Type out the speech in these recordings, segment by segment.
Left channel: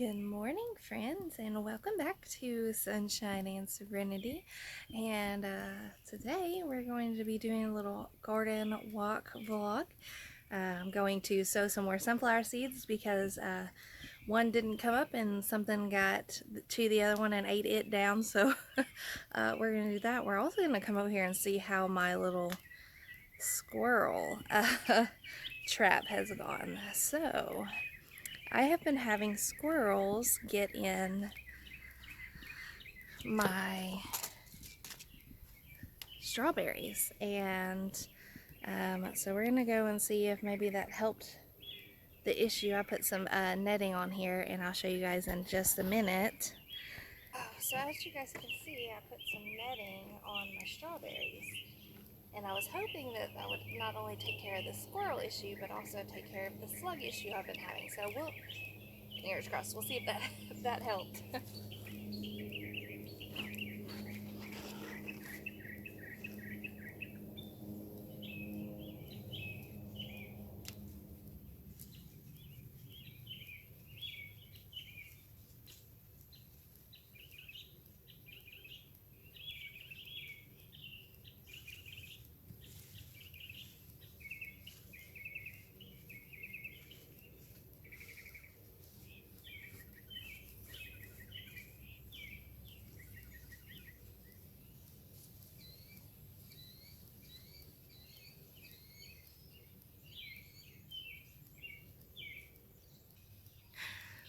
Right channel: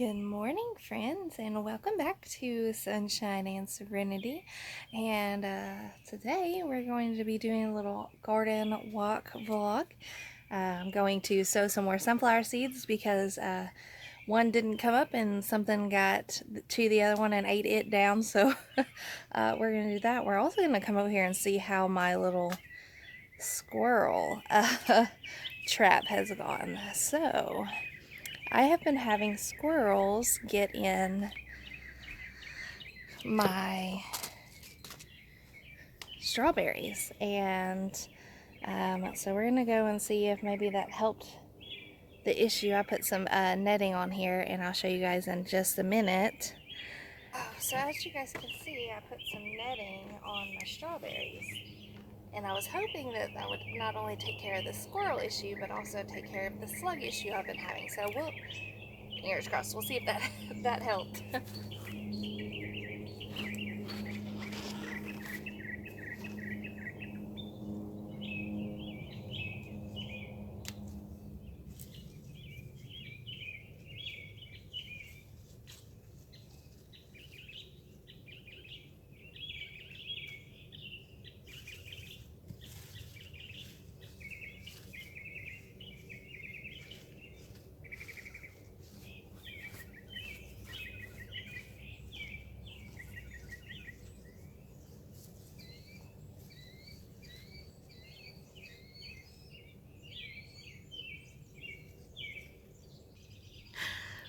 Good morning, friends, and welcome back to Sunshine and Serenity. And today we're going to be doing a little garden walk vlog. I'm going to sow some more sunflower seeds because one didn't come up and something got to the other one and ate it down. So we're going to do that. We're also going to come over here and see how my little squirrel trap has gone. So I have been having squirrels get in my strawberries, and so we're gonna go and see if maybe that helped the issue. I put some netting on here, and I'll show you guys in just a minute. So as you guys can see, I put some netting on my strawberries, and I was hoping that that would not only take care of the squirrel issue, but also take care of the slug issue I've been having. So we'll, fingers crossed, we'll see if that that helped.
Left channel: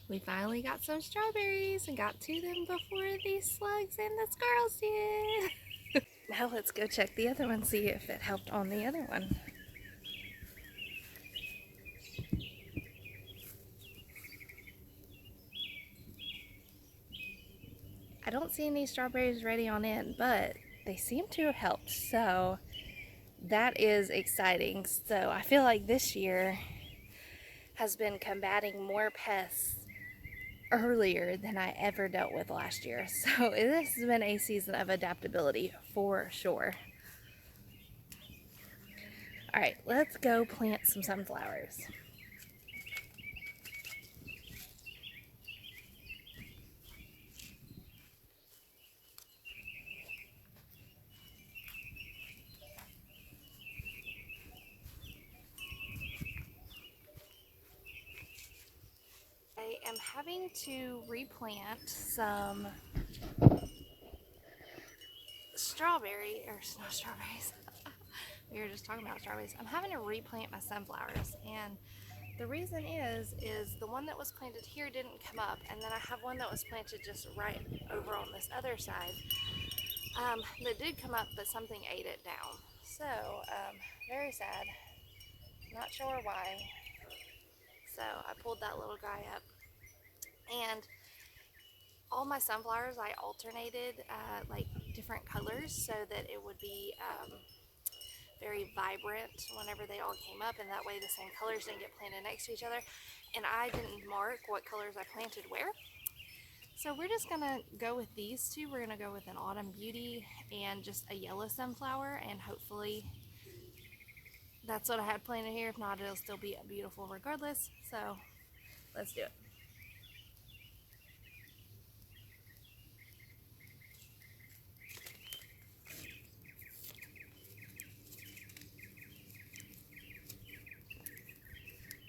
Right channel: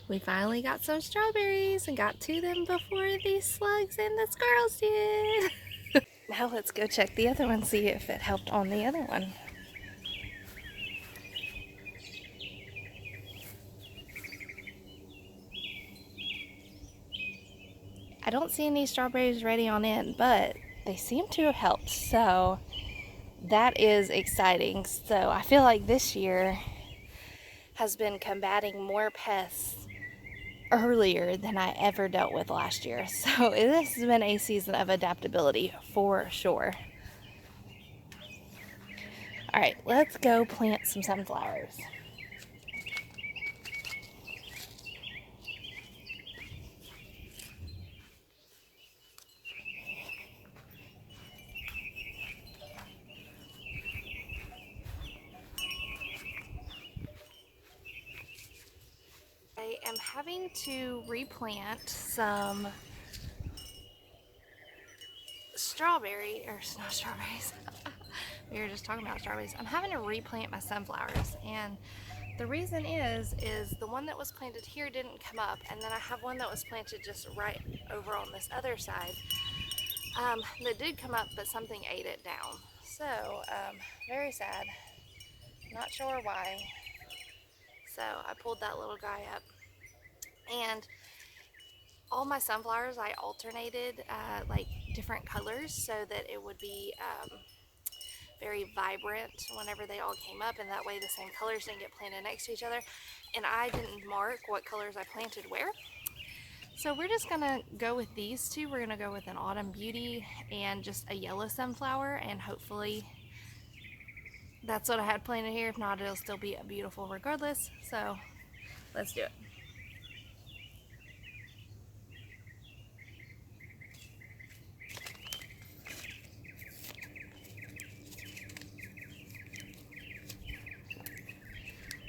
We finally got some strawberries and got to them before these slugs and the squirrels did. Now let's go check the other one, see if it helped on the other one. I don't see any strawberries ready on in, but they seem to have helped, so that is exciting. So I feel like this year has been combating more pests earlier than I ever dealt with last year. So this has been a season of adaptability for sure. All right, let's go plant some sunflowers. I am having to replant some not strawberries. We were just talking about strawberries. I'm having to replant my sunflowers, and the reason is the one that was planted here didn't come up, and then I have one that was planted just right over on this other side that did come up, but something ate it down. So very sad. Not sure why. So I pulled that little guy up, and all my sunflowers I alternated like different colors so that it would be very vibrant whenever they all came up, and that way the same colors didn't get planted next to each other. And I didn't mark what colors I planted where. So we're just gonna go with these two. We're gonna go with an Autumn Beauty and just a yellow sunflower, and hopefully that's what I had planted here. If not, it'll still be beautiful regardless. So let's do it.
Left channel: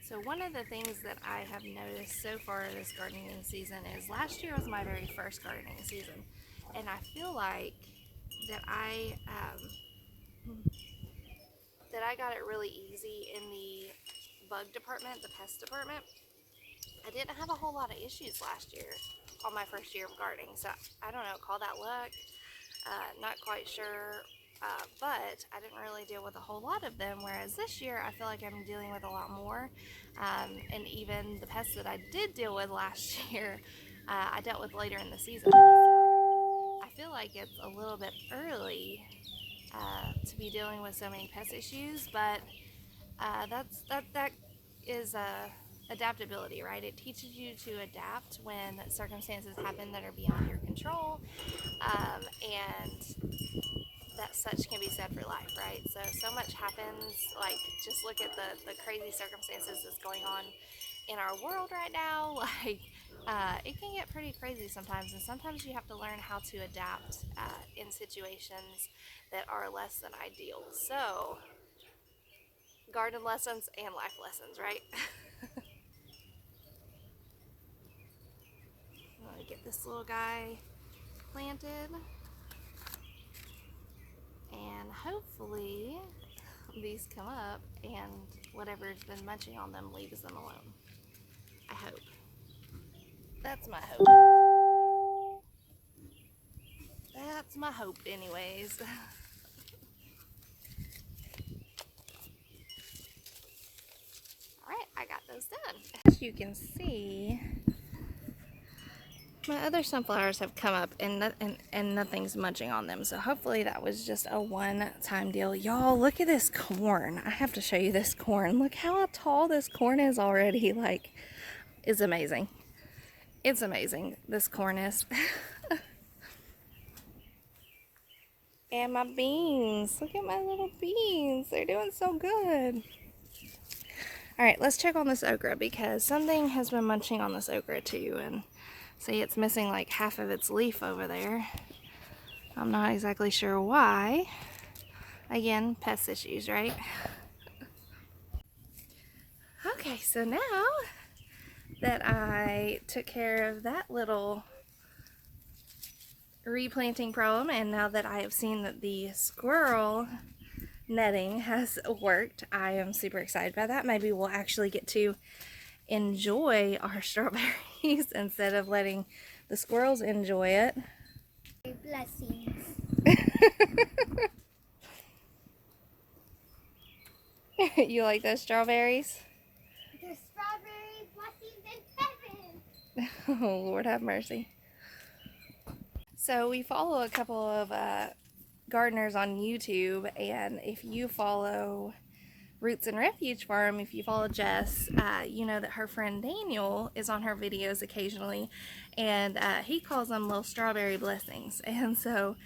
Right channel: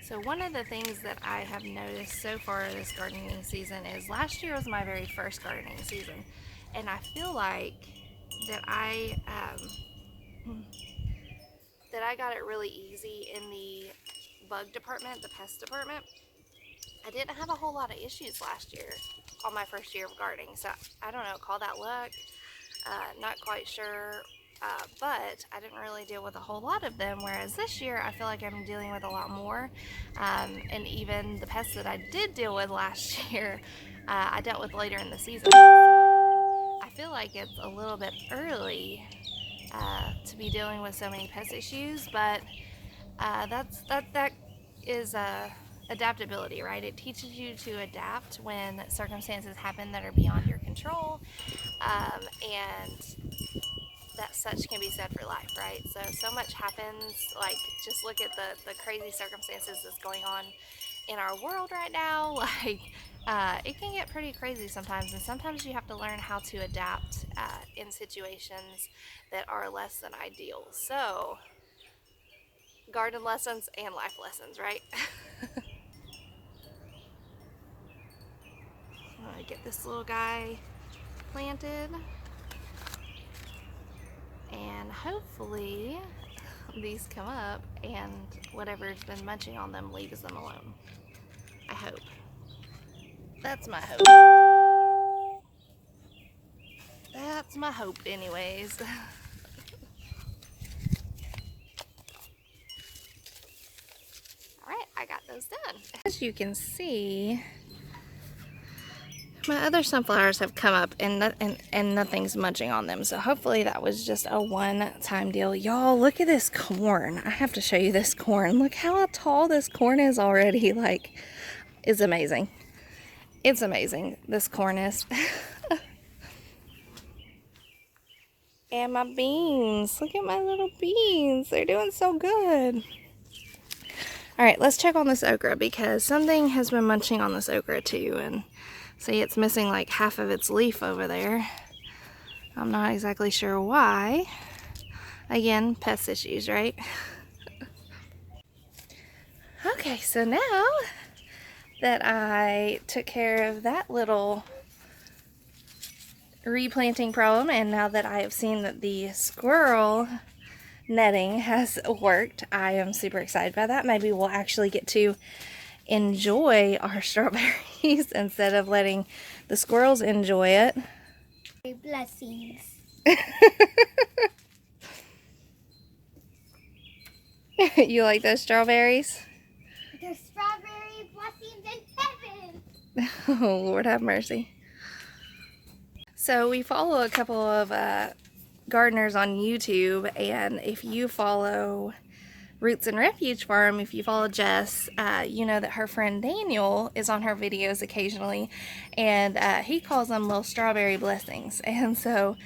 So one of the things that I have noticed so far this gardening season is last year was my very first gardening season, and I feel like that I got it really easy in the bug department, the pest department. I didn't have a whole lot of issues last year on my first year of gardening, so I don't know, call that luck. Not quite sure, but I didn't really deal with a whole lot of them, whereas this year I feel like I'm dealing with a lot more, and even the pests that I did deal with last year, I dealt with later in the season. So I feel like it's a little bit early to be dealing with so many pest issues, but that is adaptability, right? It teaches you to adapt when circumstances happen that are beyond your control, and that such can be said for life, right? So much happens. Like, just look at the crazy circumstances that's going on in our world right now. Like, it can get pretty crazy sometimes, and sometimes you have to learn how to adapt in situations that are less than ideal. So, garden lessons and life lessons, right? I'm gonna get this little guy planted, and hopefully these come up and whatever's been munching on them leaves them alone. I hope. That's my hope. That's my hope anyways. Alright, I got those done. As you can see, my other sunflowers have come up and nothing's munching on them. So hopefully that was just a one-time deal. Y'all, look at this corn. I have to show you this corn. Look how tall this corn is already. Like, it's amazing. It's amazing, this corn is. And my beans. Look at my little beans. They're doing so good. Alright, let's check on this okra because something has been munching on this okra too. And see, it's missing like half of its leaf over there. I'm not exactly sure why. Again, pest issues, right? Okay, so now that I took care of that little replanting problem, and now that I have seen that the squirrel netting has worked, I am super excited by that. Maybe we'll actually get to enjoy our strawberries instead of letting the squirrels enjoy it. Blessings. You like those strawberries? There's strawberry blessings in heaven. Oh, Lord have mercy. So we follow a couple of gardeners on YouTube, and if you follow Roots and Refuge Farm, if you follow Jess, you know that her friend Daniel is on her videos occasionally, and he calls them little strawberry blessings. And so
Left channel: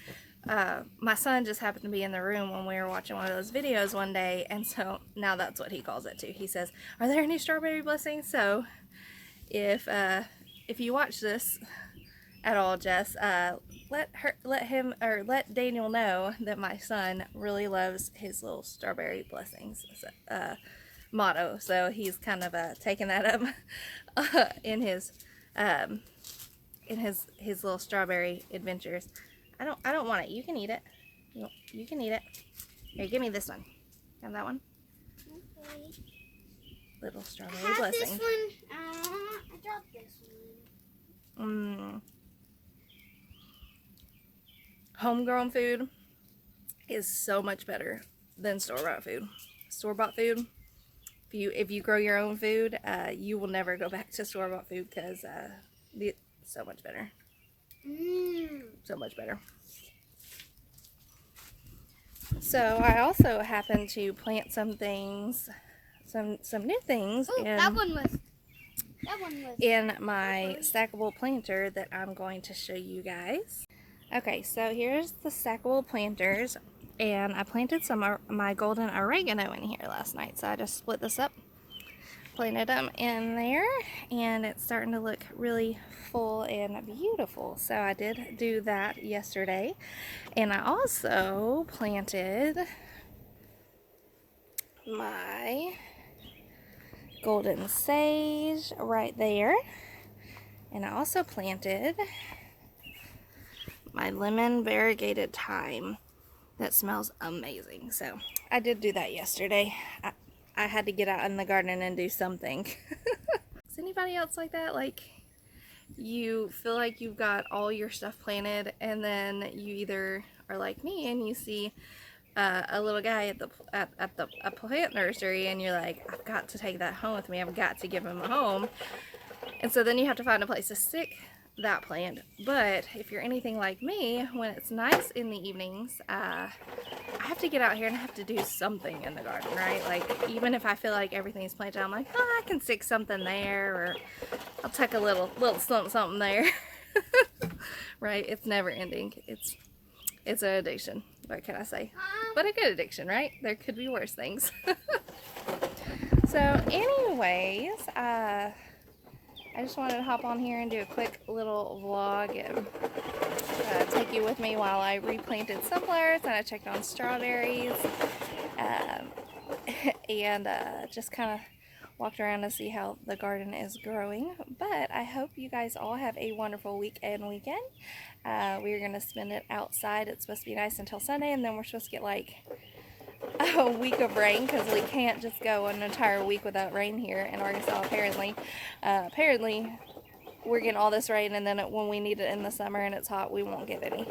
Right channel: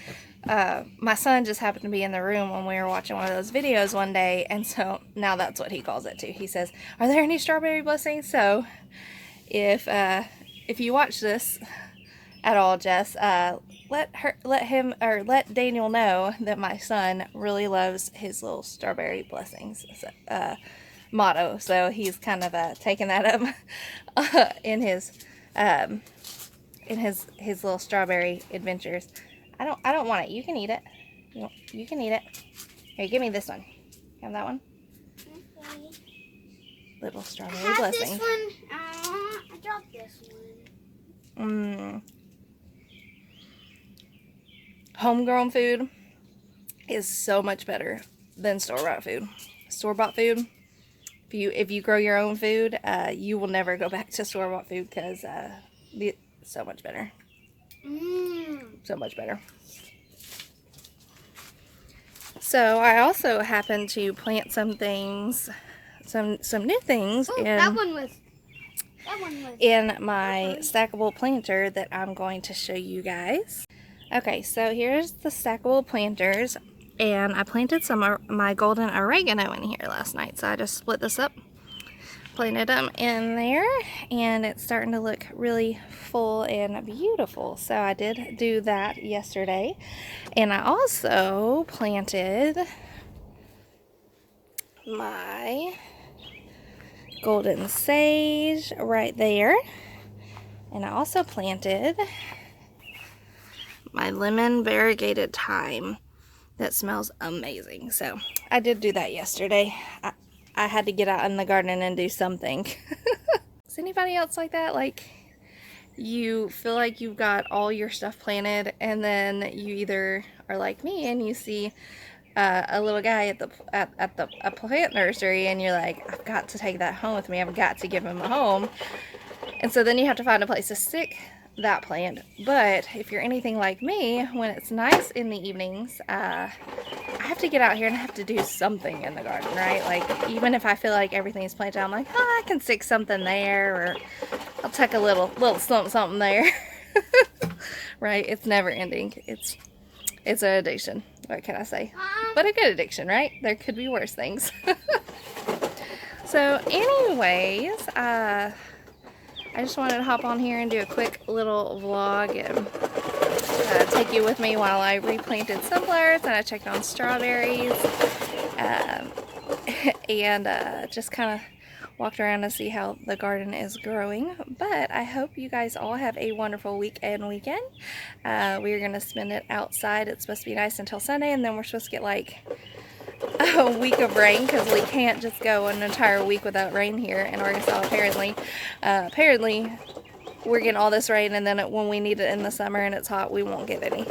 my son just happened to be in the room when we were watching one of those videos one day, and so now that's what he calls it too. He says, "Are there any strawberry blessings?" So if you watch this at all, Jess, let Daniel know that my son really loves his little strawberry blessings motto. So he's kind of taking that up in his little strawberry adventures. I don't want it. You can eat it. You can eat it. Here, give me this one. Have that one. Okay. Little strawberry blessing. This one. I dropped this one. Homegrown food is so much better than store-bought food. Store-bought food, if you grow your own food, you will never go back to store-bought food because it's so much better. So much better. So I also happened to plant some things, some new things in my stackable planter that I'm going to show you guys. Okay, so here's the stackable planters, and I planted some of my golden oregano in here last night. So I just split this up, planted them in there, and it's starting to look really full and beautiful. So I did do that yesterday, and I also planted my golden sage right there, and I also planted my lemon variegated thyme that smells amazing. So I did do that yesterday. I had to get out in the garden and do something. Is anybody else like that? Like, you feel like you've got all your stuff planted, and then you either are like me and you see a little guy at a plant nursery, and you're like, I've got to take that home with me. I've got to give him a home. And so then you have to find a place to stick that plant. But if you're anything like me, when it's nice in the evenings, I have to get out here and I have to do something in the garden, right? Like, even if I feel like everything's planted, I'm like, oh, I can stick something there, or I'll tuck a little something there. Right? It's never ending. It's an addiction. What can I say? But a good addiction, right? There could be worse things. So anyways, I I just wanted to hop on here and do a quick little vlog and take you with me while I replanted sunflowers and I checked on strawberries and just kind of walked around to see how the garden is growing. But I hope you guys all have a wonderful week and weekend. We're going to spend it outside. It's supposed to be nice until Sunday, and then we're supposed to get like a week of rain because we can't just go an entire week without rain here in Arkansas apparently. Apparently we're getting all this rain, and then when we need it in the summer and it's hot, we won't get any.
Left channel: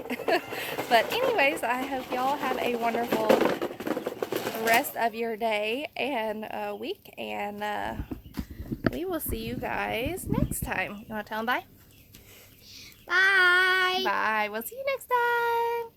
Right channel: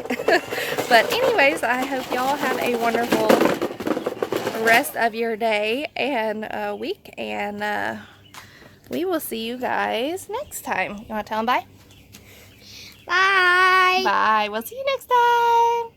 But anyways, I hope y'all have a wonderful rest of your day and week, and we will see you guys next time. You want to tell them bye? Bye. Bye. We'll see you next time.